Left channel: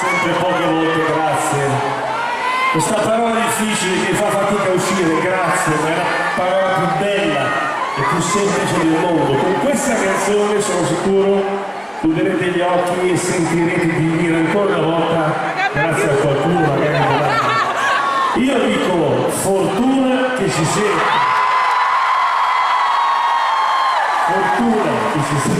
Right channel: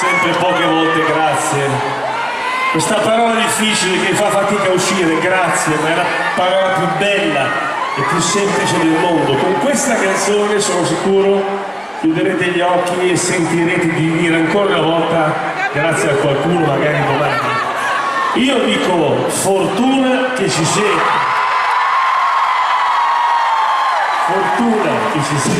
sempre poche volte grazie. Questa parola difficile che fa fatica a uscire, grazie, ma è la parola più bella e più semplice del mondo. Con questa canzone sono sicuro chiuderete gli occhi e sentirete di dire ancora una volta grazie a qualcuno, magari domani. Io dico fortuna che ci sia. Fortuna che ci sia.